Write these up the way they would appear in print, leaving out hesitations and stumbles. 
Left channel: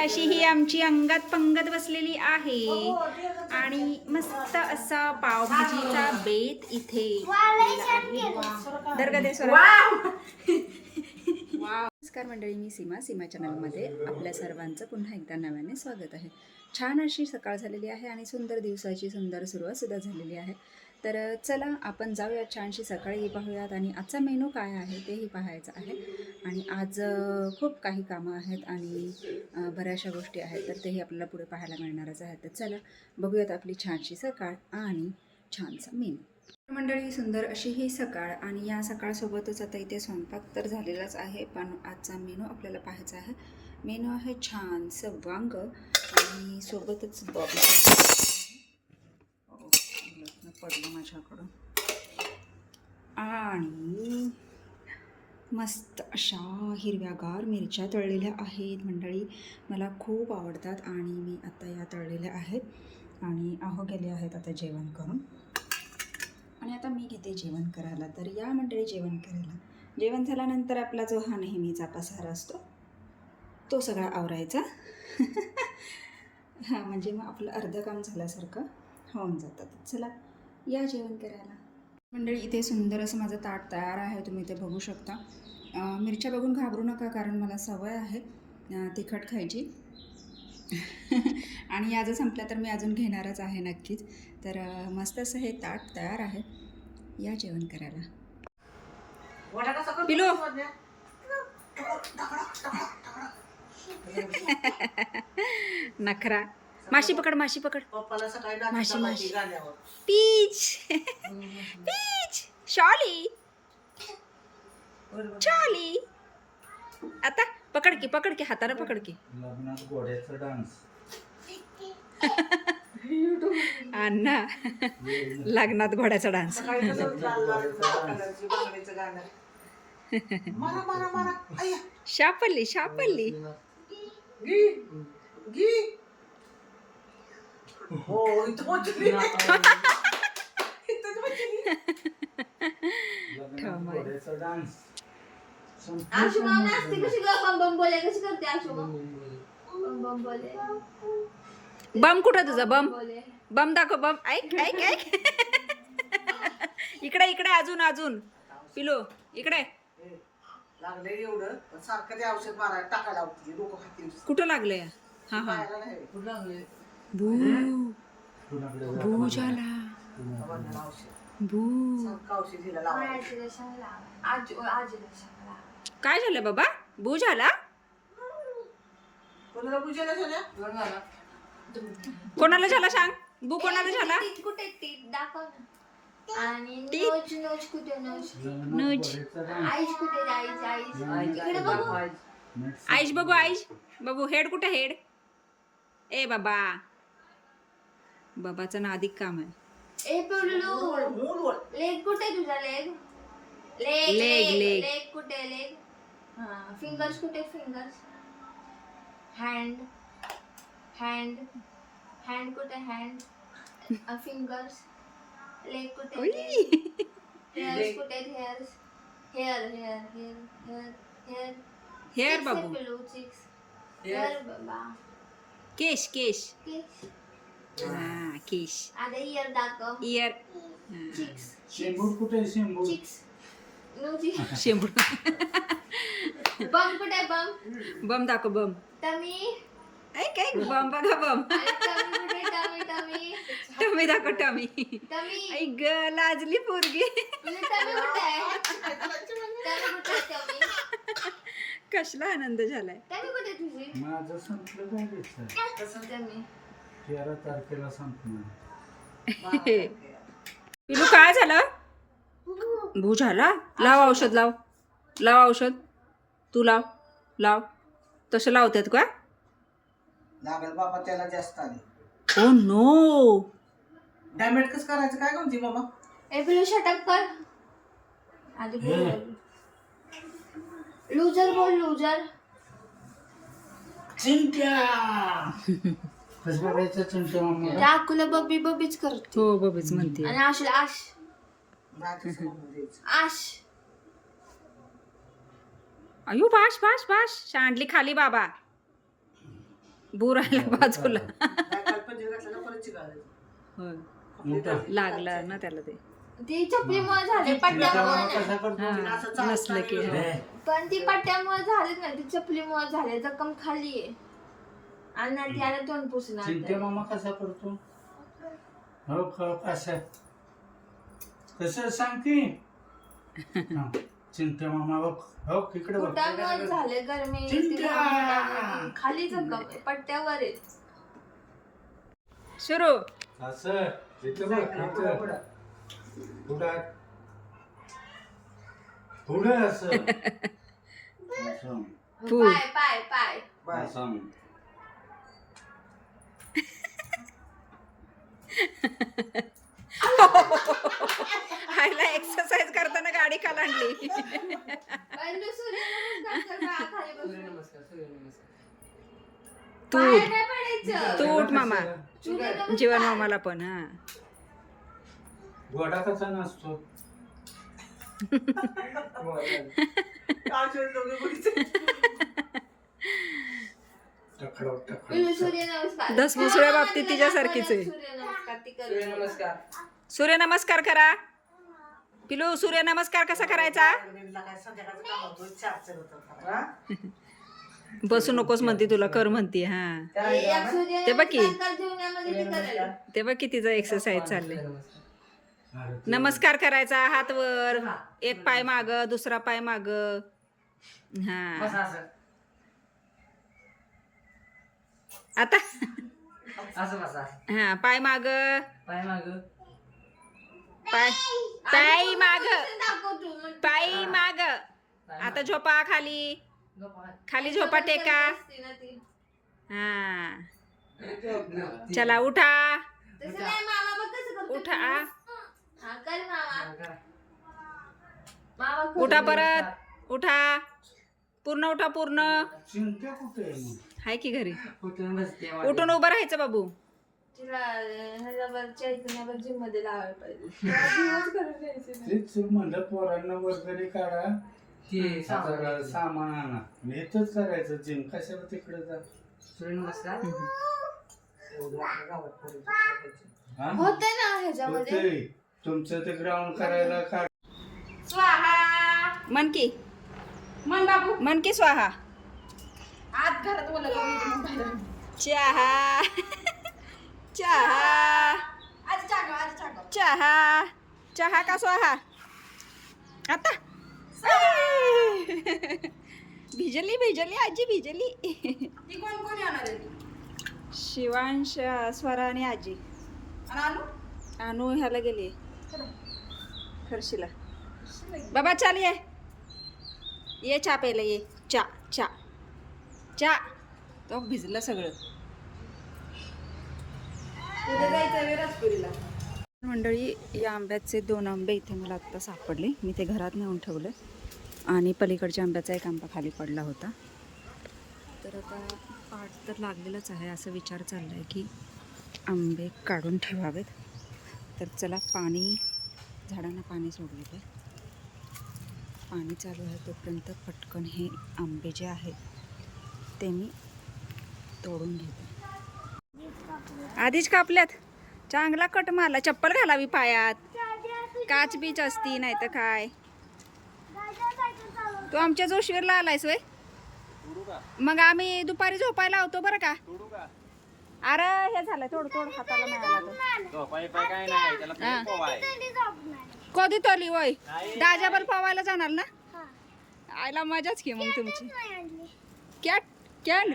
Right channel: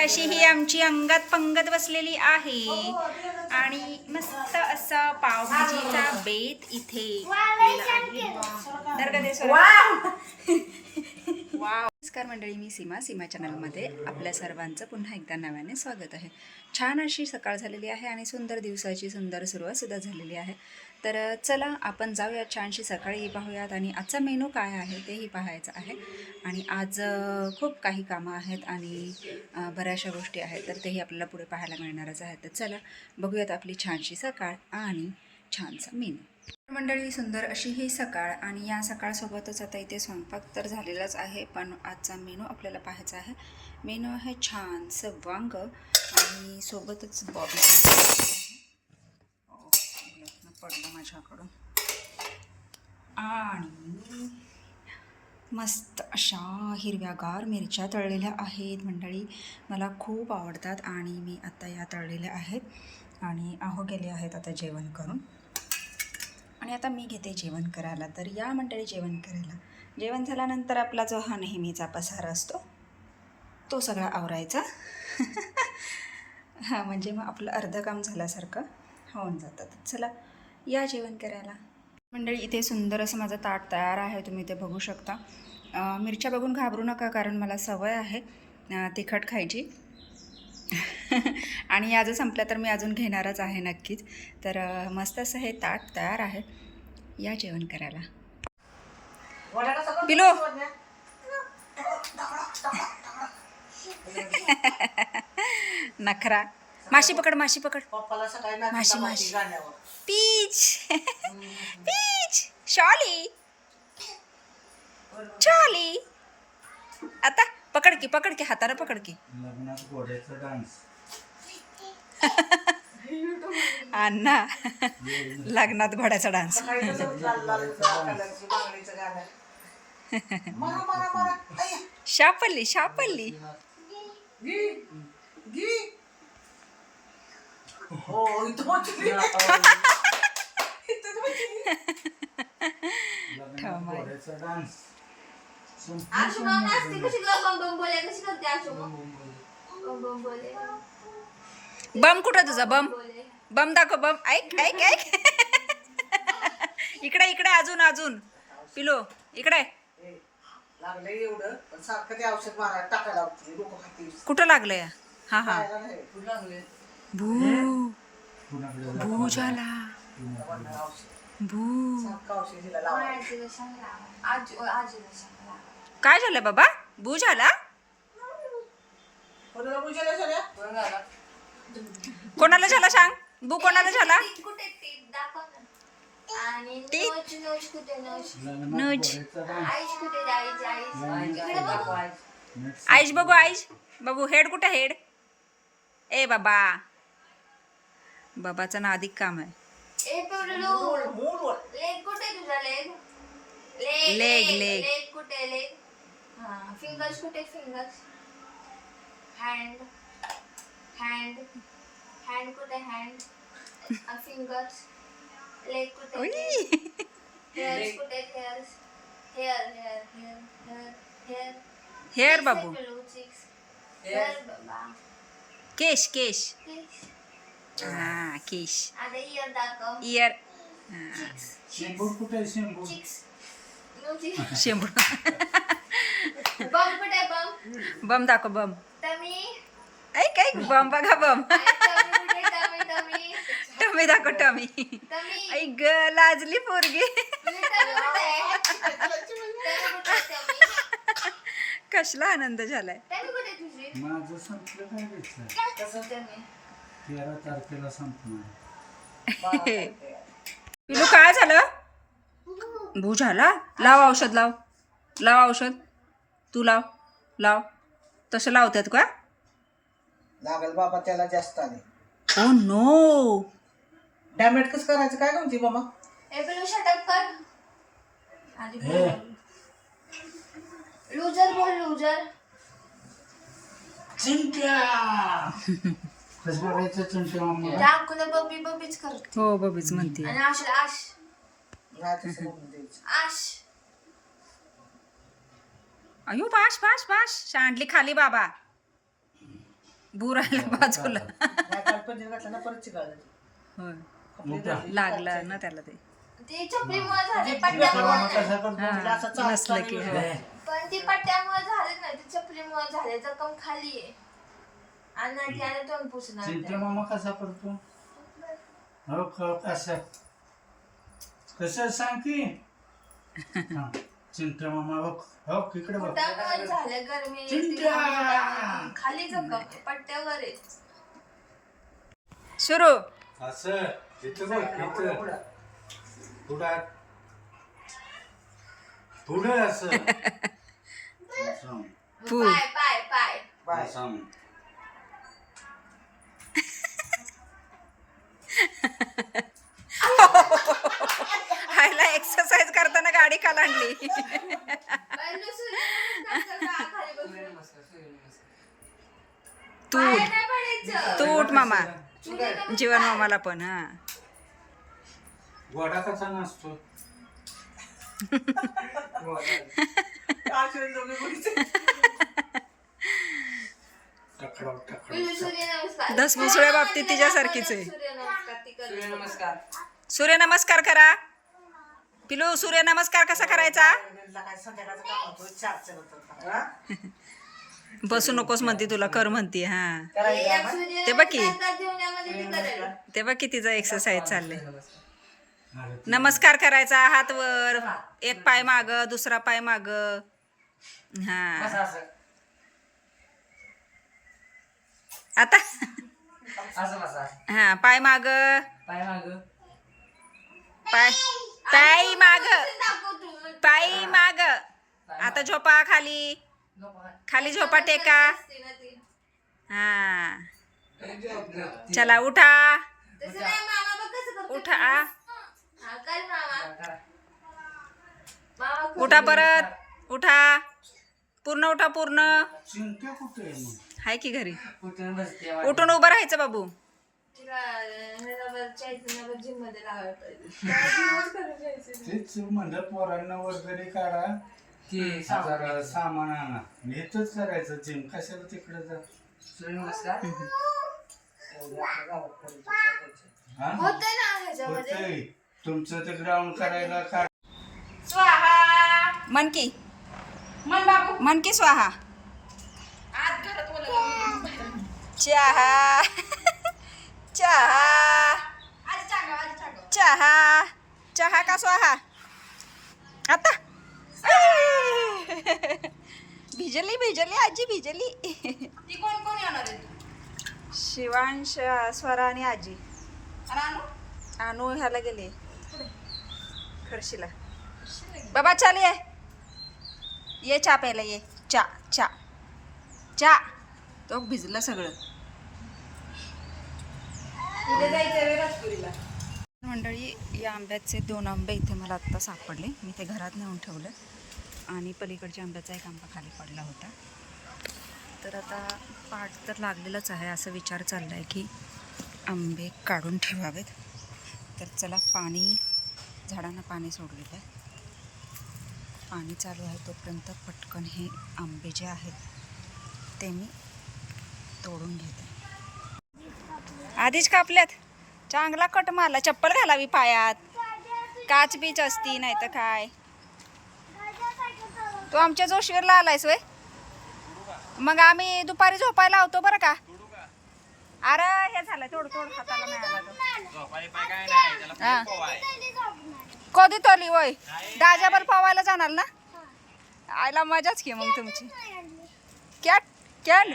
अशी ही आमची अंगात पंगत बसलेली आहे आणि मस्त असा पावभाजीचा बेत इथे केलेला आहे. दर्गदेश्वर वाव. नमस्कार मंडळी, मी सीमा चॅनलमध्ये आपल्या सर्वांचं पुन्हा एकदा नव्याने स्वागत आहे. छान अशी सकाळ झालेली आहे आणि सुंदर दिवसाची सुंदर सुरुवातसुद्धा झालेली आहे. तर चला आपण जाऊया, छानशी सकाळी पाहूयात आणि आजचा मेनू काय आहे तेही पाहायचं आहे. आणि आज खूप काही कामं आहेत आणि बऱ्याचशा गोष्टी आहेत, तर तेही आपल्याला पुढे पाहायला मिळणारच आहे. तर चला बघूयात आपली छानशी सकाळ आणि छानसा मेनू. मंडळी, सुंदर अशी ही सकाळ आणि या सकाळसोबतच आता इथे स्वयंपाक तर झालेलाच आहे, पण आजचा मेनू आपल्याला पाहायचा आहे. मेनू आहे छानसं वांग आणि सोबतच बॉबी पडलं माझ्याकडून आणि मस्त अशा हिरव्यागार मिरच्या तळलेल्या आहेत. मंडळी मला खूप आवडतात आणि मी आता या तळलेल्या आहेत आणि आहो गेले आहेत आता जेवण करून. आणि आता मी घेते जेवण करायला. तर या मंडळी जेवण करायला. जेवण झाल्यानंतर आपला जो हा नेहमीचा पसारा असतो तो सगळा आवरायचा. हां, म्हणजे मग आपलं अर्धं काम झाल्यासारखं होऊन जातं. चला या जेवण करायला. मंडळी, इथे सुंदर असं माझं ताट तयार आहे, तुम्ही इथे बघू शकता. मिरच्या बघून घाबरू नका, कारण मला सवय आहे तिखट खायची. आणि या जर संपल्या तर मी अजून घेणारच आहे नक्कीच. तर मस्त असं हे ताट तयार आहे, या जेवण करायला. पिलो नखरा. माशी पकड, माशी पकड, माशी माशी. पीच पीच. शॉली शॉली. आता पकड की हाताने पकड की. अण्णा, लग्नात घोड्याचा डान्स. शापल्ली शापल्ली. बम कुठं तुझा बम? बम दाखव, बम. ऐक ऐक ऐक. इकडे इकडे, अजून अजून. पिलो इकडे. कुठं लागलंय? हा हा. भू भू झाला. भू काय झालं बाबा? भू झाला? कोणाला झाला सांग? भू कोणाला झाला? आईश बघू, आईश बघू. हेड कुठे? हेड. ए बाबा, बाबाचं ना अधिक काम आहे. लेग कुठे तुझा? लेग लेग लेग लेग कुठे? लेग. फिंगर्स कुठे? फिंगर्स. हँड हँड हँड कुठे? हँड. फिंगर्स. लेग कुठे? हेअर्स कुठे? Hairs. Hair hair hair hair hair hair बाबू. हेअर बाबा. केश केश. हा केश. आता इयर दाखव. इयर. शेंबूड कुठे? शेंबूड. शेंबूड. बम कुठे? बम. बम दाखव, बम. टमी. ऐक ऐक, बम बघा, बम. टमी दाखव, टमी. ऐक ग, लाजली पोरगी. कसला आनंद झालाय. माझं संपलं. 13 तारखेला संपणार. पिलू काय झालं? भू झाला? लाव औषध, लाव लाव औषध. तू लाव लाव. तसं लावतात का? लागल बाबा त्याला जास्त आले. Oh no. डॅमेज कसं करायचं काय म्हणते बाबा? ए पिलू शटअप कर. लूजर बोल, लूजर. चिंट्या. कसं करायचं चिंट्या मम्मा? दाखवलं बबी बबीच करते. हो, बबीच म्हणते. आणि आश आश आश. अयो बाश बाश बाश. सांडली खाली बाबा. बुरायला बाजूला पंचर घातला ना परत चिकाळलं. होय मोठा लागला ना त्याला ते ती चपलीमुळे झाले चिंट्या पट्ट्यामुळे मामा कसा करतो हा नसलं की हा. पण ती पट्ट्यामुळे झालेच नाही ती चपलीमुळे झाले जखम खाली आहे आणि ती आणि तोंड पुसणार चिंट्या मामा कसा करतो हो कसा कसं सांग की हा, चिंट्या मामा बघ हो इकडे बघ पोटामुळे झाले गरमी चिंट्या! खाली जखम पट्ट्यावर आहे सुरू असं इथं बघ इथं पुढं पुढं असं असं फू. पाय पाय पाय असं हायला एक्सरसाइज करताना गाडी कालांडली पहिलं सूर्यनमस्कार कर, खाली बसून. तू पाय नाही पडायचं. तू उठ मामा सूर्यनमस्कार. जीवन मामाला पण हा गोडा कसा नसतो टकडाव टकडाव पहिलं सूर्यनमस्कार. धसमुसळ्या बाबतीत तिच्यासारखीच आहे. सूर्यनमस्कार ती कर. सूर्यनमस्कार करा पिलू सूर्यनमस्कार कसा करायचा काय संध्याकाळचं काम होतो 4च्या नंतर करा. बसू नकोस म्हणते तुला कर म्हणते हा एक ते बघ की. सूर्यनमस्कार जेवणामध्ये ती करेल. ते बघ की तिचा एक्सरसाइज चालले नमस्कार करायचा हात वर एक पाय माग दुसरा पाय माग हा आता हा पाय माग पाय पाय माग दाखव तू मग. पाय माग आता झोपा खाली खाली झोपा टेका असते ना ती. हा चला उठा तसं नाही मामा बघ कसं करतो. उठा हा, कर मामा. मामा कर. उठा परत उठा पूर्ण उठा पूर्ण चिंट्या कुठे आहे मग हाय की घरी उठून उभं राहायचं बाबू तिला ह्याला चैतन्यावर जिम मध्ये लावायला पाहिजे. जिमच करून जायचं ना. तेच म्हणलं पोरांना वगैरे काढा जरा सामान आणा हेच करायचं जिम कशाला तिकडे जा हा होते ना ह्याच्यामध्ये. होतंय. तुमचं ते ग्राउंड करायला काय स्वाहा मन की मन बाबू मन की स्वाहा आत घरात बोलत चहा चहा चहा चहा का स्वाहा आता भिजली भिजली आजी भिजली ती कोण कोण येणार आहे शिवांश स्वरा आणि आजी रानू अनु ह्याला गेली खर्शीला बाबा चाल ये चा प्यायला ये चा चा चा तो भिजलं सगळं उद्या जायचं वेळ रसपुरीला. मंडळी या आंब्याचे 2 आंबे इथे मला आत्ता सापडले मी ते घरात नेऊन ठेवले आणि पलीकडच्या आंब्याचा एक आंबा खाली पडला होता तर आता पाट तर लागलेलंच आहे असं विचार चालला आहे की आंबे काढून ठेवावेत तर चला पाणी झाडांना पाणी सोडलेलं आहे पाणी चालू आहे तोपर्यंत पटकन हे आंबे जे आहेत ते मी तोडून घेते आधीच कापल्यात चांगला कट मारला चप्पल घालावी पायात काच बीच असती नाही तर काय तू आमच्या जोशीवरला आलायस वय मग आम्ही दुपारी झोपायला होतो बरं का अरे हे झालं थोडं थोडं हाताला मिळाला तो हा. कधी तोली वय डाजाबर पावायला जाणार ना आयला मजाच की मग तुमची कॅट कॅन्ड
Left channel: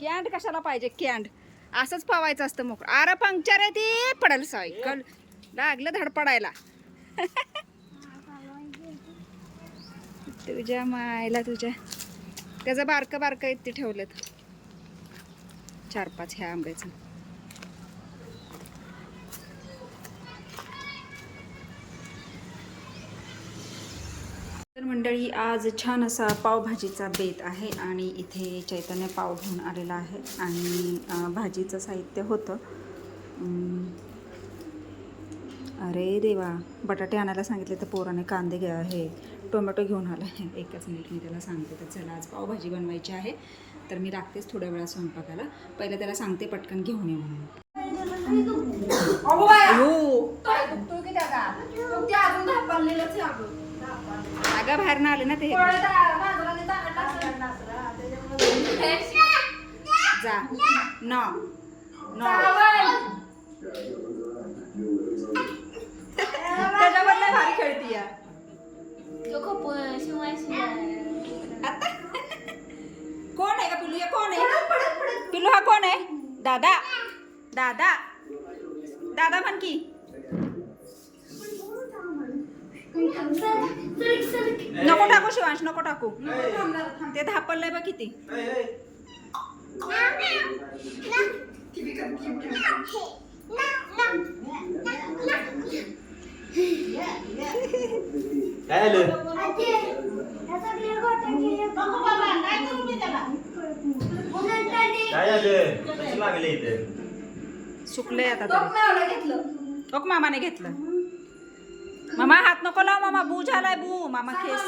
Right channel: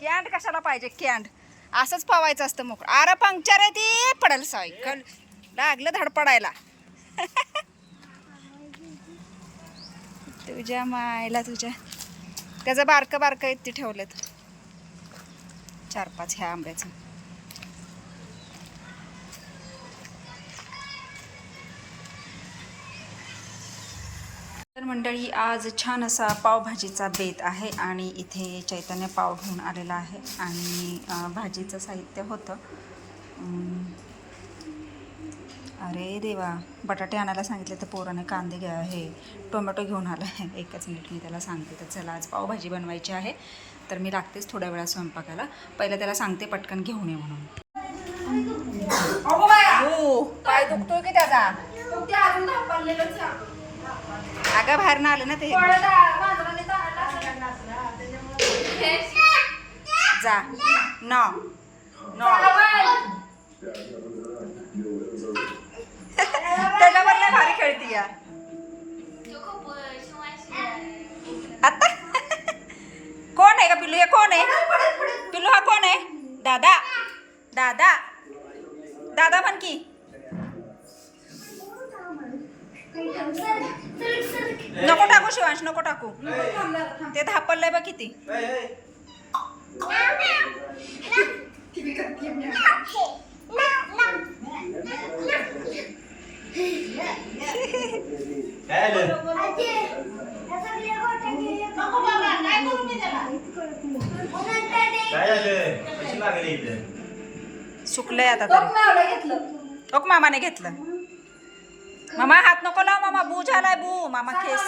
कॅन्ड कशाला पाहिजे कॅन्ड असंच पवायचं असतं मोकळं अरे पंक्चर आहे ती पडेल सायकल लागलं धड पडायला तुझ्या मायला तुझ्या त्याचं बारकं बारकं इथे ठेवलेत 4-5 ह्या आंब्याचं तर मंडळी आज छान असा पावभाजीचा बेत आहे आणि इथे चैतन्य पाव घेऊन आलेला आहे आणि भाजीचं साहित्य होतं अरे देवा बटाटे आणायला सांगितले तर पोराने कांदे हे टोमॅटो घेऊन आला आहे एकच मिनिट मी त्याला सांगते तर चला आज पावभाजी बनवायची आहे तर मी लागतेच थोड्या वेळा स्वयंपाकाला. पहिलं त्याला सांगते पटकन घेऊन ये म्हणून. अयो, काय दुखतोय की त्याचा? अगं बाहेर ना आलं ना ते. जा न त्याच्यावर नाही भारी खेळती या आता. कोण आहे का पिल्लू? हे कोण आहे पिल्लू? हा कोण आहे? दादा दादा दादा म्हण की. नको टाकू शिवांश, नको टाकू. ते धापललंय बघ किती. सुकलंय आता तरी. ओक मामाने घेतलं. मामा हात नको लाव मामा, बू झालाय बू. मामा केस,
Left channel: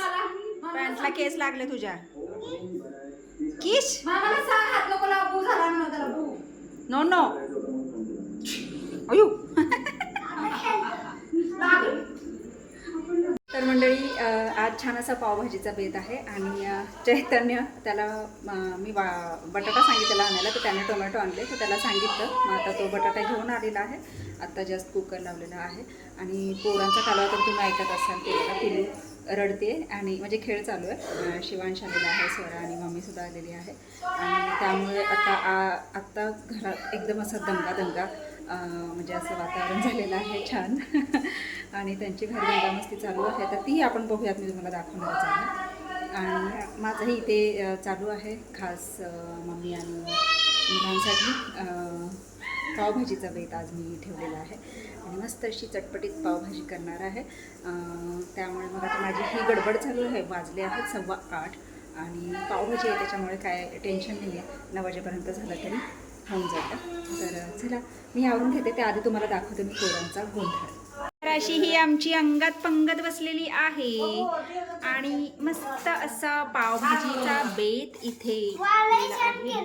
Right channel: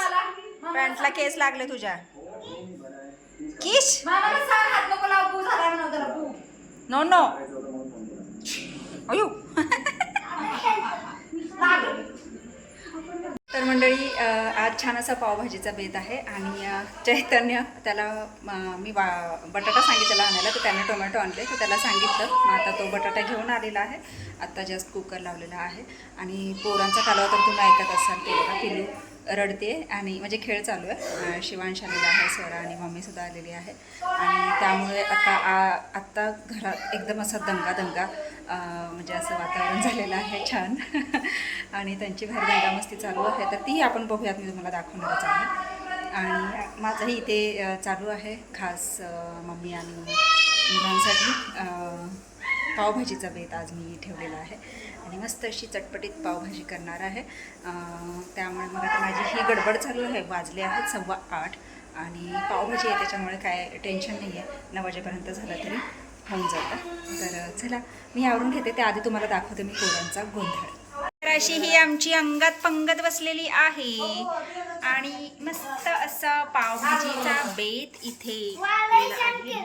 पॅन्टला केस लागले तुझ्या. किश नो नो. अयो. तर मंडळी आज छान असा पावभाजीचा बेत आहे. आणि चैतन्य त्याला मी बटाटा सांगितलेला आणायला, तर त्याने टोमॅटो आणले, तर त्याला सांगितलं. मग आता तो बटाटा घेऊन आलेला आहे. आत्ता जस्ट कुकर लावलेला आहे. आणि पोरांचा कालवा तर तुम्ही ऐकत असाल. ते बघा पिलू रडते आणि म्हणजे खेळ चालू आहे. शिवांश आलेला आहे, स्वरा आणि मम्मीसुद्धा आलेली आहे. आणि त्यामुळे आत्ता घरात एकदम असा दंगा म्हणजे असं वातावरण झालेलं आहे छान. आणि त्यांची घर दंगामस्ती चालू आहे, तर तीही आपण बघूयात. मी तुम्हाला दाखवणारच आहे. आणि माझंही इथे चालू आहे खास मम्मी आणि मुलांसाठी पावभाजीचा बेत आज मी ठेवलेला आहे. आणि मस्त अशी चटपटीत पावभाजी करणार आहे. त्यामुळे मग आता माझी ही गडबड चालू आहे. वाजले आहेत 8:15 आणि पावभाजी आहे, त्याच्यामुळे काय टेन्शन नाही आहे. 9 वाजेपर्यंत झालं तरी होऊन जातं. तर चला मी आवरून घेते. त्याआधी तुम्हाला दाखवते मी पोरांचा गोंधळ. तर अशी ही आमची अंगात पंगत बसलेली आहे. आणि मस्त असा पावभाजीचा बेत इथे आहे.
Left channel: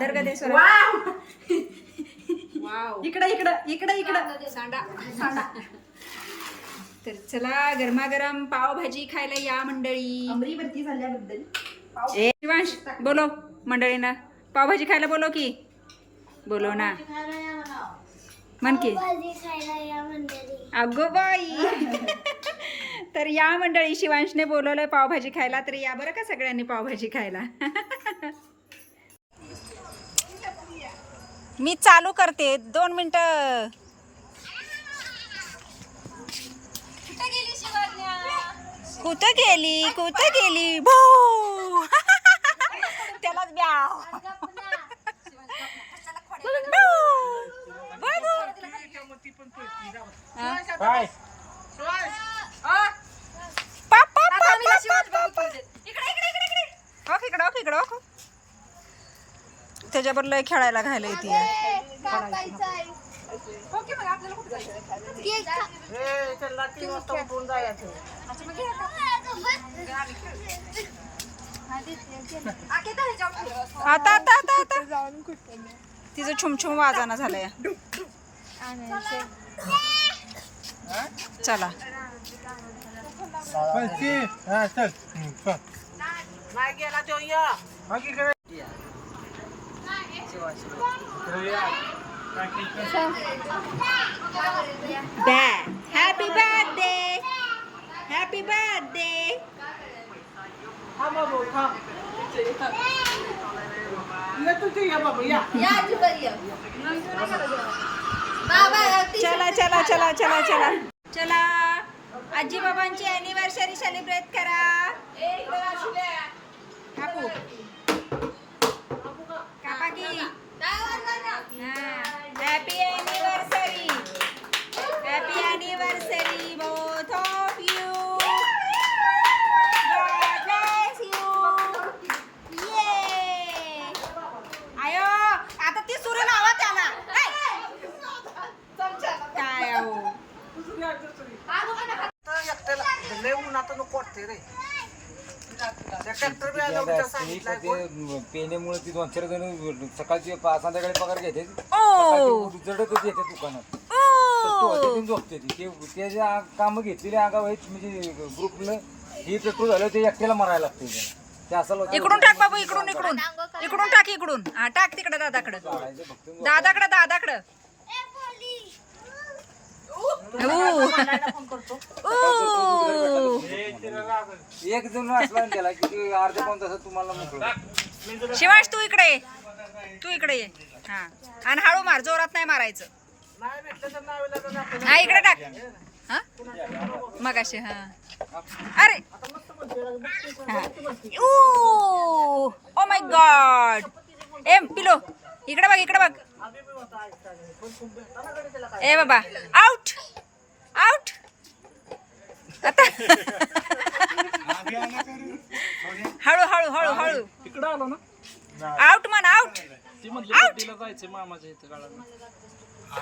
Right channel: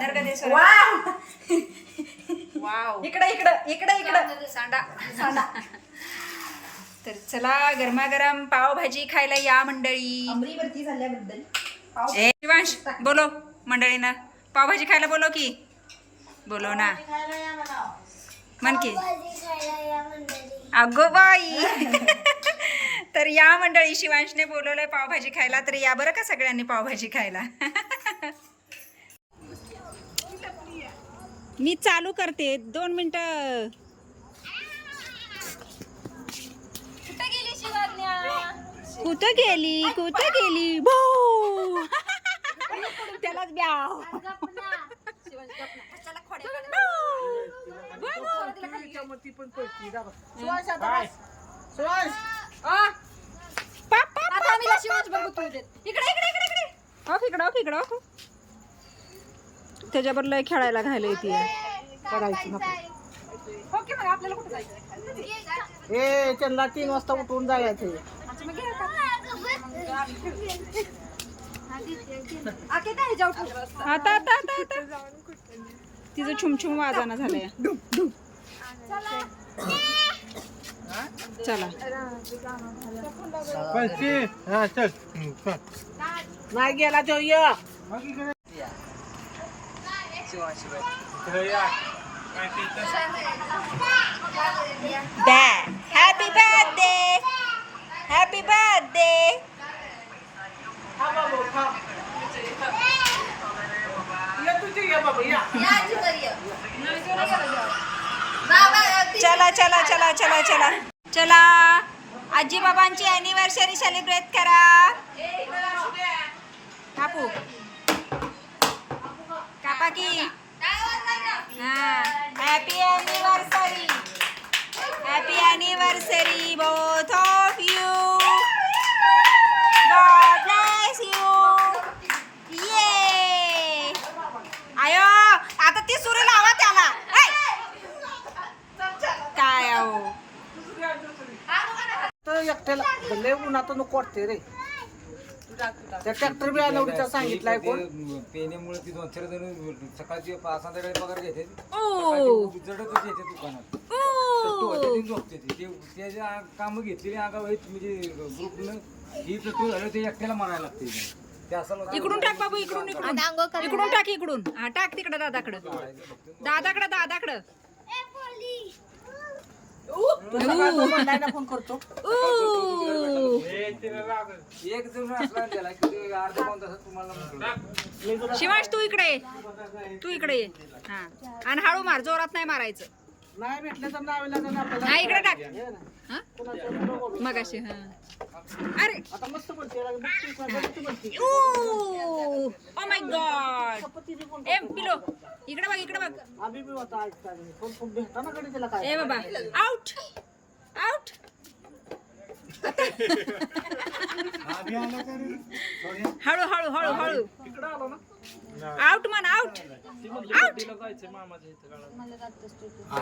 दर्गदेश्वर वाव. इकडं सांडा. तर चला गरमागरम पावभाजी खायला या मंडळी. ए शिवांश बोलो मंडळींना, पावभाजी खायला बोलो की. बोलो ना म्हण की. अगो बाई. तर या मंडळी, शिवांशने बोलवलंय पावभाजी खायला, तर या बरं का सगळ्यांनी पावभाजी खायला. मी चालू करते 2 मिनिटं. कुठं गेली भो. त्यालाच ब्याव. त्याच्याबरोबर लय खेळायला घायला येते. चंदा 3 वाजता उठून जायचं. आता तिचं छुमछुम वाजाना झालंय. चला नाही गेला तो या. Happy birthday, happy birthday. चला चला चला चला चला चला. आजी बाबांची अॅनिव्हर्सरी सेलिब्रेट करा. कापू कापा की. Happy anniversary, happy anniversary both of you. God bless you. ये आयो आता ती सुरू लावा त्याला. काय आहो एकट्याला उन्हात नको वाटते रे. त्या ट्रॅक्टर बी आलं होतं सांगितलंय कोण पेनेमुळे ती 2-4 जण सकाळची संध्याकाळी पगार घ्यायचे ओ जडतच येते दुकानात ओ झोपते ती ते जे कामं घेतलेली आगाव आहेत म्हणजे ग्रुपनं ही पेट्रोल झालं ते एकट्याला मारायला लागते ते असं इकडून टाक बाबू इकडून इकडून इकडून टाक इकडून हा टाक तिकडं दादाकडं दादाकडं दादाकडं फोन करतो ओ एक जण असला त्याला की अर्ध्या पाऊण तासात तुम्हाला मोकळं. शिवाश तू इकडे ये तू इकडे ये हा आणि हळू मार जोरात नाही मारायचं नाही भेटलं तर नाव लागलं आपल्याला हा इकडे टाक हा मगाशी हा अरे आता मस्त म्हणते ओ माय गॉड ए पिलो इकडे बघ इकडे बघ आम्ही बी होता ऐकताय पण भेटता ना कडे त्याला काय ए बाबा आउट आउट आता हळू हळू हळू हळू आउट म्हण आउट आउट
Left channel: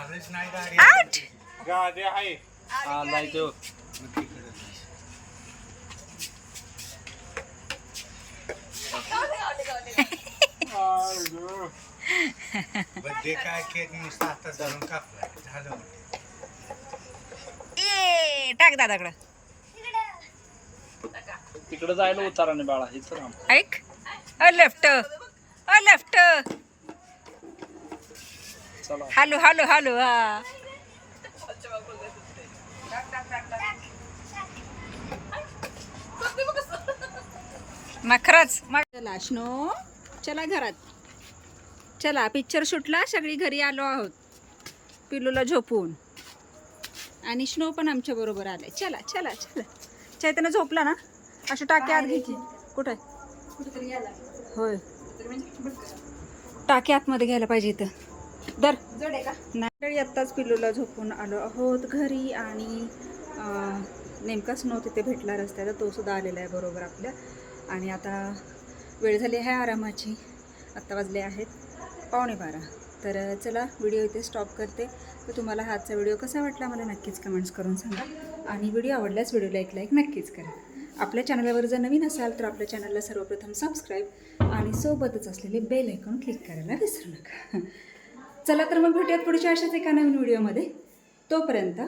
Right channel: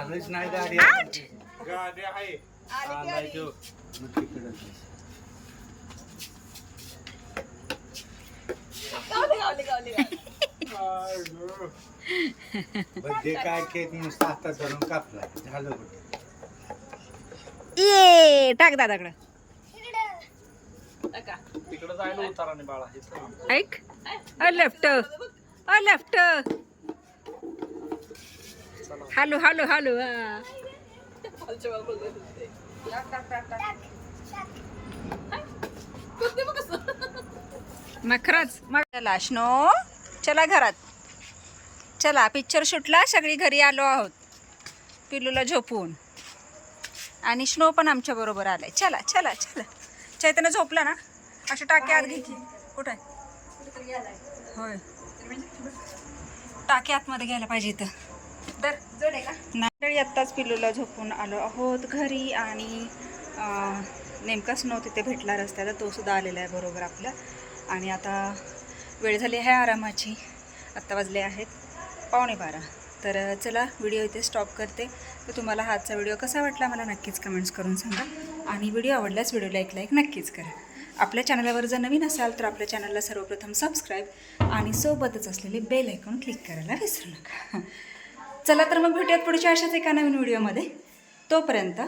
आलेच नाही गाडी आउट गाडी आहे बड्डे काय केक नुसता आता धरून कापला झालं बड्डे. ये टाक दादाकडं तिकडे जायला उतारा नाही बाळा हे चला ऐक अ लेफ्ट हॅलो हॅलो हॅलो हा मग खरंच मग चला स्नो चला घरात चला पिक्चर शूटला सगळी घरी आलो आहोत पिलूला झोपून आणि स्नो पण आमच्या बरोबर आलाय चला चला चला चैतन्य झोपला ना अशी टाकी आत घ्यायची कुठे होय टाकी आतमध्ये घ्यायला पाहिजे इथं दर नाही आत्ताच पिलूला झोपून आलो आहोत घरी आणि नेमका स्नो तिथे भेटला रस्त्याला तो सुद्धा आलेला आहे बरोबर आपल्या आणि आता वेळ झाली आहे आरामाची आत्ता वाजले आहेत 11:15 तर चला व्हिडिओ इथे स्टॉप करते तर तुम्हाला हा आजचा व्हिडिओ कसा वाटला मला नक्कीच कमेंट्स करून सांगा आणि व्हिडिओ आवडल्यास व्हिडिओला एक लाईक नक्कीच करा आपल्या चॅनलवर जर नवीन असाल तर आपल्या चॅनलला सर्वप्रथम सबस्क्राईब आणि सोबतच असलेले बेल आयकॉन क्लिक करायला विसरू नका चला तर मग भेटूयात पुढच्या अशाच एका नवीन व्हिडिओमध्ये तोपर्यंत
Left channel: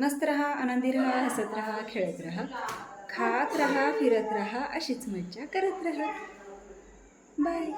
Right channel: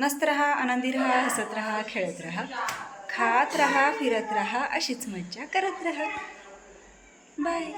मस्त रहा आनंदी रहा हसत रहा खेळत रहा खात रहा फिरत रहा अशीच मज्जा करत रहा बाय